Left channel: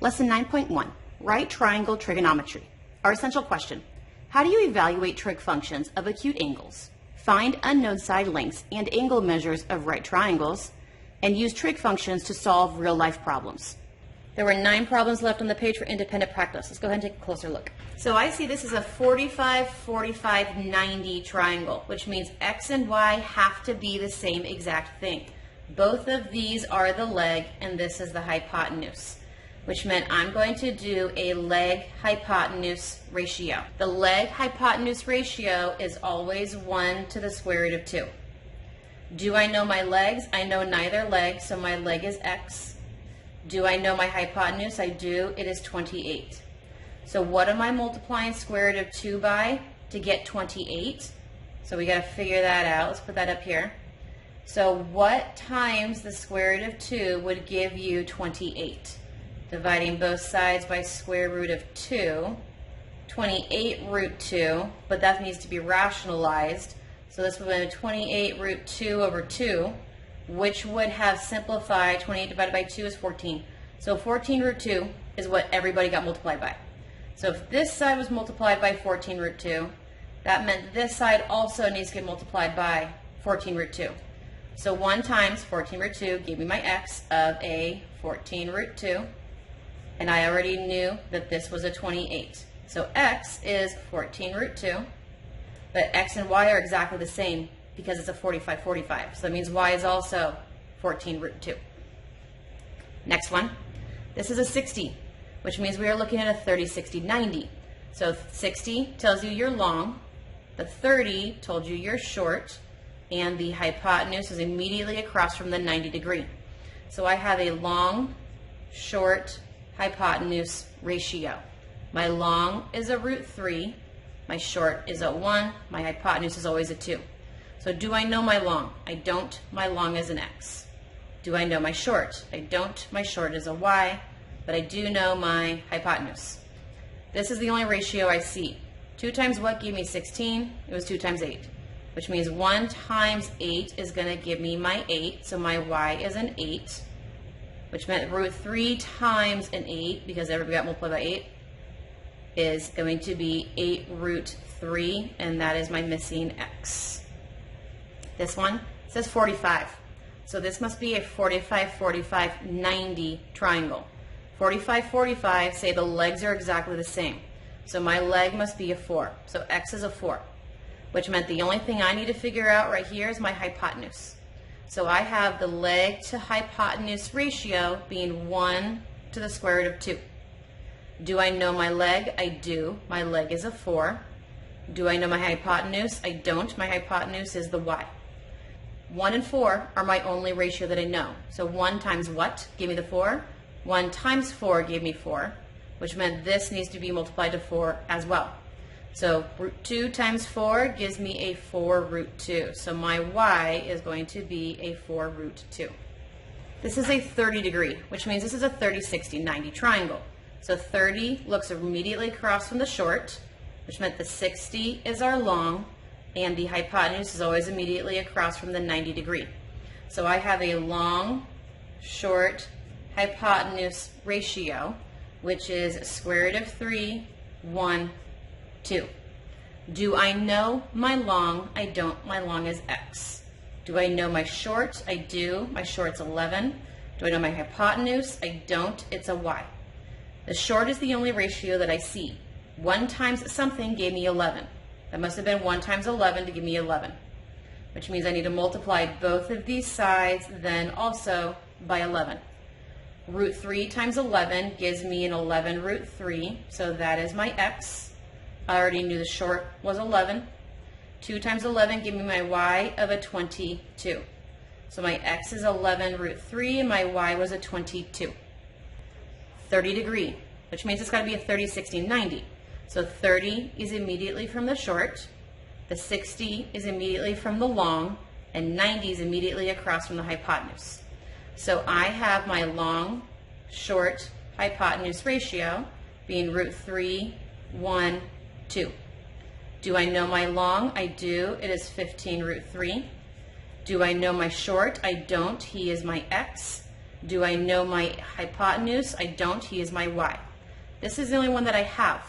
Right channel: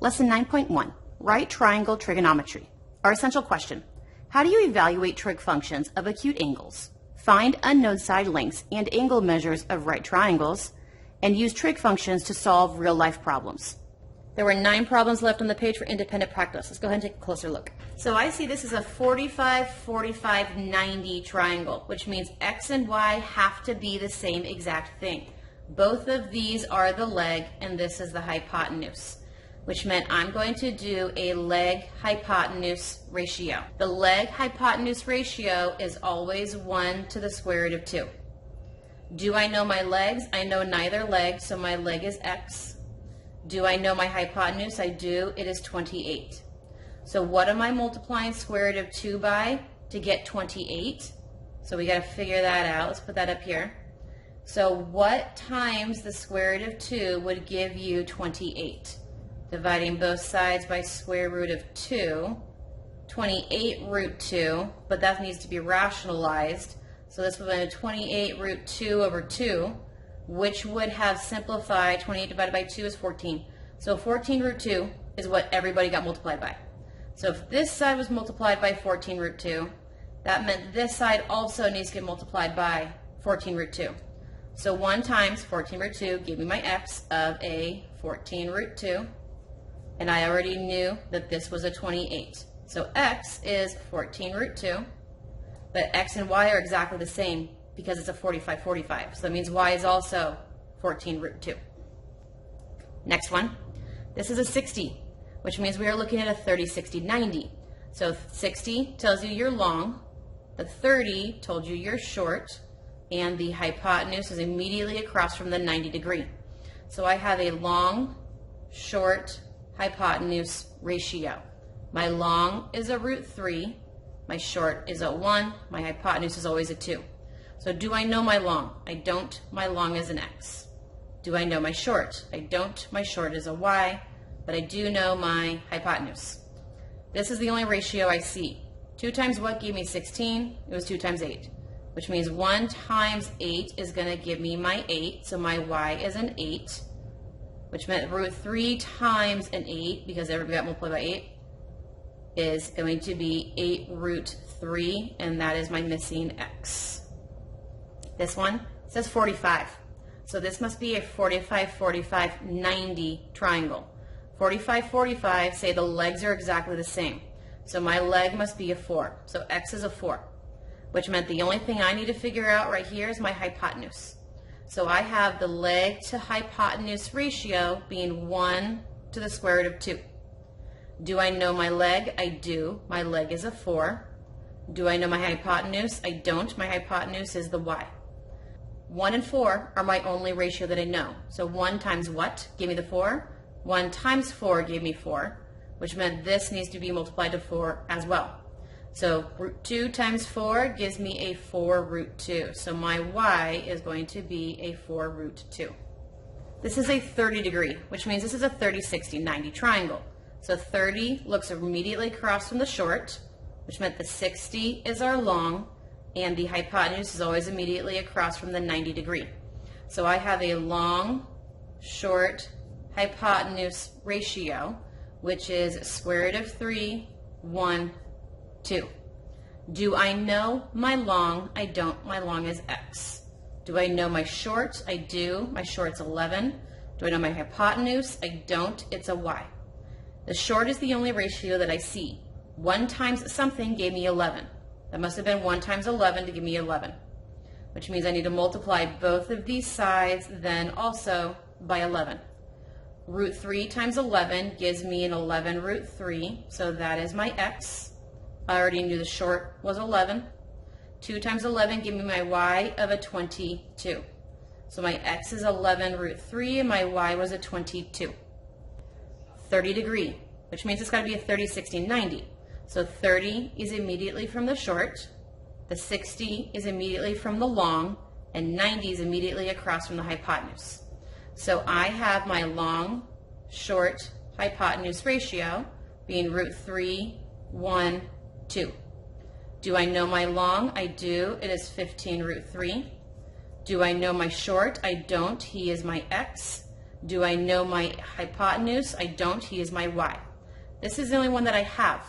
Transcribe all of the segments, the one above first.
Lesson 9.1, Right Triangle Trigonometry. Our essential question, how do you evaluate trig functions of acute angles? Find unknown side lengths and angle measures of right triangles, and use trig functions to solve real-life problems. There were 9 problems left on the page for independent practice. Let's go ahead and take a closer look. So I see this is a 45, 45, 90 triangle, which means x and y have to be the same exact thing. Both of these are the leg, and this is the hypotenuse, which meant I'm going to do a leg hypotenuse ratio. The leg hypotenuse ratio is always 1 to the square root of 2. Do I know my legs? I know neither leg, so my leg is x. Do I know my hypotenuse? I do. It is 28. So what am I multiplying square root of 2 by to get 28? So we got to figure that out. Let's put that up here. So what times the square root of 2 would give you 28? Dividing both sides by square root of 2, 28 root 2, but that needs to be rationalized. So this would be 28 root 2 over 2, which would have simplified. 28 divided by 2 is 14. So 14 root 2 is what everybody got multiplied by. So if this side was multiplied by 14 root 2, that meant this side also needs to get multiplied by 14 root 2. So 1 times 14 root 2 gave me my x of a 14 root 2. And I already knew that this was a 28. So x is 14 root 2, but x and y are exactly the same because it's a 45, 45. So that means y is also 14 root 2. Next one, this is a 60, which means we are looking at a 30, 60, 90. So 60 tells you you're long, but 30 told you you're short, and the hypotenuse is immediately across from the 90 degree. So I have a long, short, hypotenuse ratio. My long is a root 3, my short is a 1, my hypotenuse is always a 2. So do I know my long? I don't. My long is an x. Do I know my short? I don't. My short is a y, but I do know my hypotenuse. This is the only ratio I see. 2 times what gave me 16? It was 2 times 8, which means 1 times 8 is going to give me my 8, so my y is an 8. Which meant root 3 times an 8, because everybody got multiplied by 8, is going to be 8 root 3, and that is my missing x. This one says 45. So this must be a 45, 45, 90 triangle. 45, 45 say the legs are exactly the same. So my leg must be a 4. So x is a 4, which meant the only thing I need to figure out right here is my hypotenuse. So I have the leg to hypotenuse ratio being 1 to the square root of 2. Do I know my leg? I do. My leg is a 4. Do I know my hypotenuse? I don't. My hypotenuse is the y. 1 and 4 are my only ratio that I know. So 1 times what gave me the 4? 1 times 4 gave me 4, which meant this needs to be multiplied to 4 as well. So root 2 times 4 gives me a 4 root 2. So my y is going to be a 4 root 2. This is a 30 degree, which means this is a 30, 60, 90 triangle. So 30 looks immediately across from the short, which meant the 60 is our long, and the hypotenuse is always immediately across from the 90 degree. So I have a long, short hypotenuse ratio, which is square root of 3, 1, 2. Do I know my long? I don't. My long is x. Do I know my short? I do. My short's 11. Do I know my hypotenuse? I don't. It's a y. The short is the only ratio that I see. 1 times something gave me 11. That must have been 1 times 11 to give me 11, which means I need to multiply both of these sides then also by 11. Root 3 times 11 gives me an 11 root 3, so that is my x. I already knew the short was 11. 2 times 11 give me my y of a 22. So my x is 11 root 3 and my y was a 22. 30 degree, which means it's got to be a 30, 60, 90. So 30 is immediately from the short, the 60 is immediately from the long, and 90 is immediately across from the hypotenuse. So I have my long, short hypotenuse ratio being root 3, 1, 2. Do I know my long? I do. It is 15 root 3. Do I know my short? I don't. He is my x. Do I know my hypotenuse? I don't. He is my y. This is the only one that I have.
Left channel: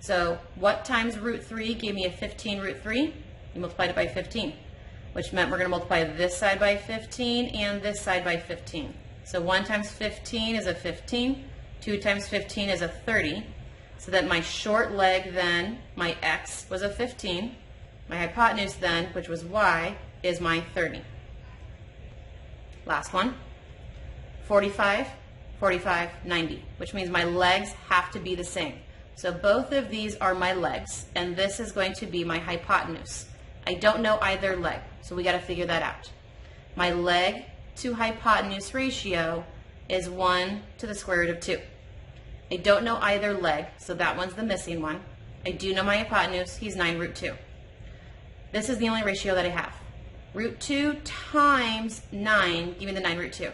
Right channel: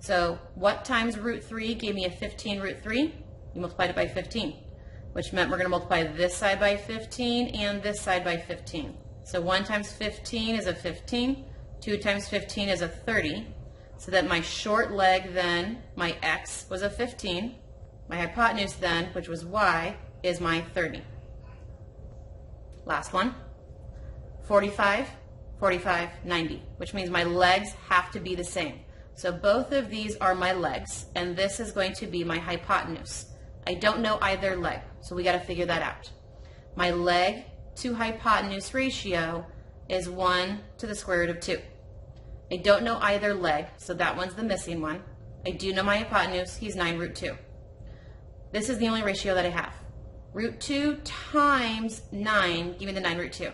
So what times root 3 gave me a 15 root 3? You multiplied it by 15, which meant we're going to multiply this side by 15 and this side by 15. So 1 times 15 is a 15. 2 times 15 is a 30. So that my short leg then, my x, was a 15. My hypotenuse then, which was y, is my 30. Last one. 45, 45, 90, which means my legs have to be the same. So both of these are my legs, and this is going to be my hypotenuse. I don't know either leg, so we got to figure that out. My leg to hypotenuse ratio is 1 to the square root of 2. I don't know either leg, so that one's the missing one. I do know my hypotenuse, he's 9 root 2. This is the only ratio that I have. Root 2 times 9 gave me the 9 root 2.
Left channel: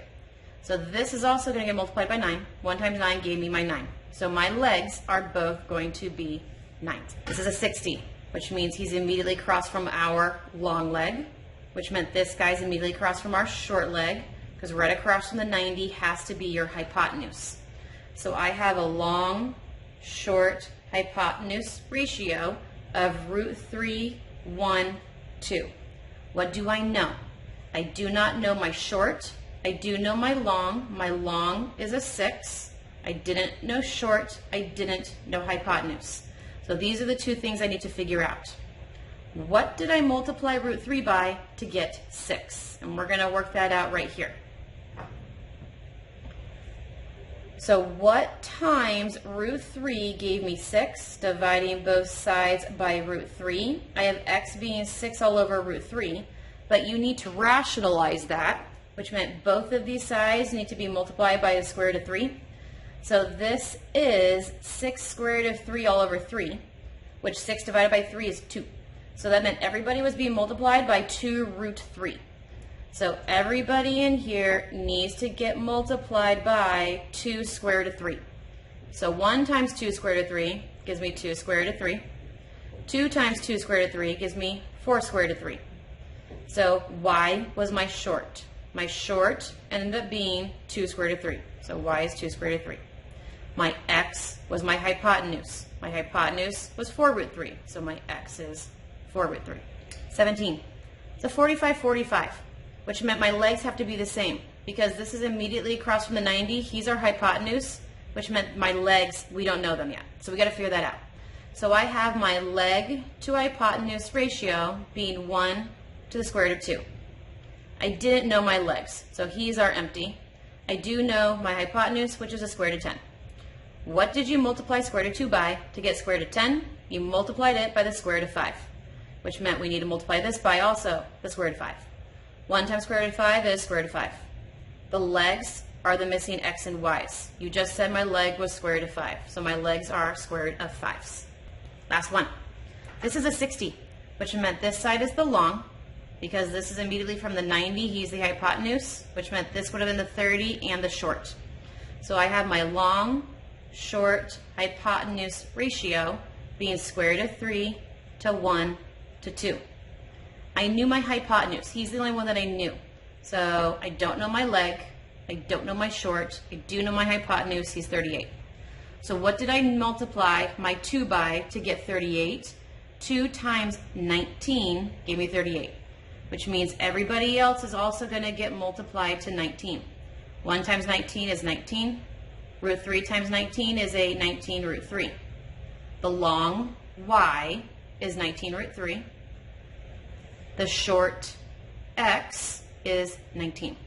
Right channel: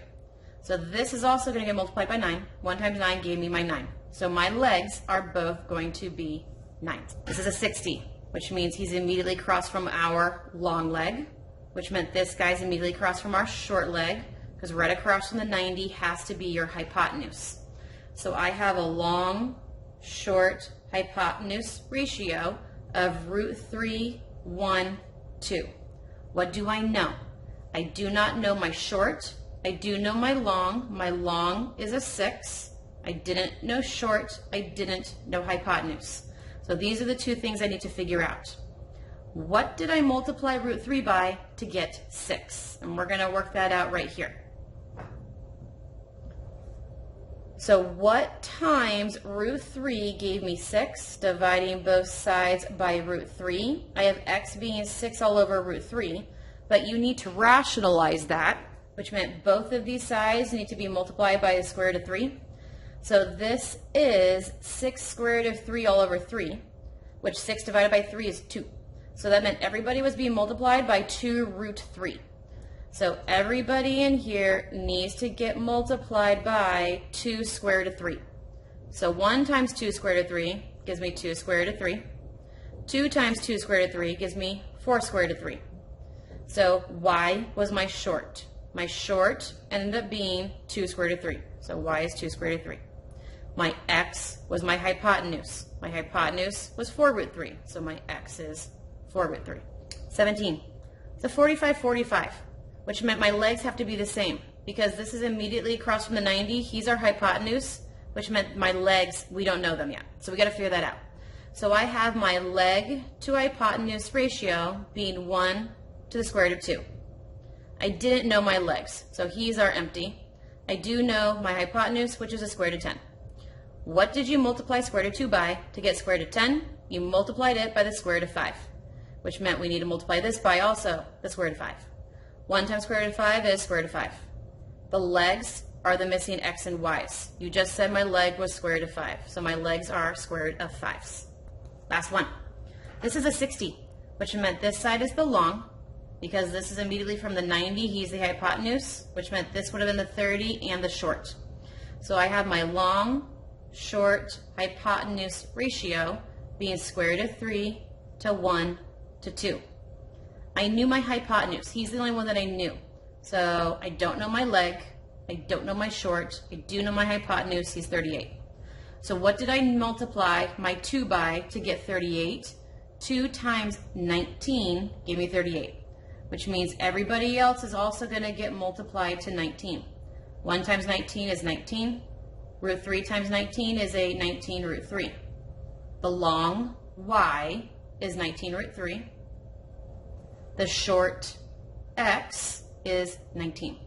So this is also going to get multiplied by 9. 1 times 9 gave me my 9. So my legs are both going to be 9. This is a 60, which means he's immediately across from our long leg, which meant this guy's immediately across from our short leg, because right across from the 90 has to be your hypotenuse. So I have a long, short hypotenuse ratio of root 3, 1, 2. What do I know? I do not know my short. I do know my long. My long is a 6. I didn't know short. I didn't know hypotenuse. So these are the two things I need to figure out. What did I multiply root 3 by to get 6? And we're going to work that out right here. So what times root 3 gave me 6, dividing both sides by root 3? I have x being 6 all over root 3, but you need to rationalize that, which meant both of these sides need to be multiplied by the square root of 3. So this is 6 square root of 3 all over 3, which 6 divided by 3 is 2. So that meant everybody was being multiplied by 2 root 3. So everybody in here needs to get multiplied by 2 square root of 3. So 1 times 2 square root of 3 gives me 2 square root of 3. 2 times 2 square root of 3 gives me 4 square root of 3. So y was my short. My short ended up being 2 square root of 3. So y is 2 square root of 3. My x was my hypotenuse. My hypotenuse was 4 root 3. So my x is 4 root 3. 17. So 45, 45, which meant my legs have to be the same, because this is immediately across from the 90. He's our hypotenuse, which meant my legs, we don't know them yet. So we got to figure that out. So I have my leg to hypotenuse ratio being 1 to the square root of 2. I didn't know my legs, so he's our empty. I do know my hypotenuse, which is a square root of 10. What did you multiply square root of 2 by to get square root of 10? You multiplied it by the square root of 5, which meant we need to multiply this by also the square root of 5. 1 times square root of 5 is square root of 5. The legs are the missing x and y's. You just said my leg was square root of 5, so my legs are square root of 5's. Last one. This is a 60, which meant this side is the long, because this is immediately from the 90, he's the hypotenuse, which meant this would have been the 30 and the short. So I have my long, short hypotenuse ratio being square root of 3 to 1 to 2. I knew my hypotenuse. He's the only one that I knew. So I don't know my leg. I don't know my short. I do know my hypotenuse. He's 38. So what did I multiply my 2 by to get 38? 2 times 19 gave me 38, which means everybody else is also going to get multiplied to 19. 1 times 19 is 19. Root 3 times 19 is a 19 root 3. The long y is 19 root 3. The short x is 19.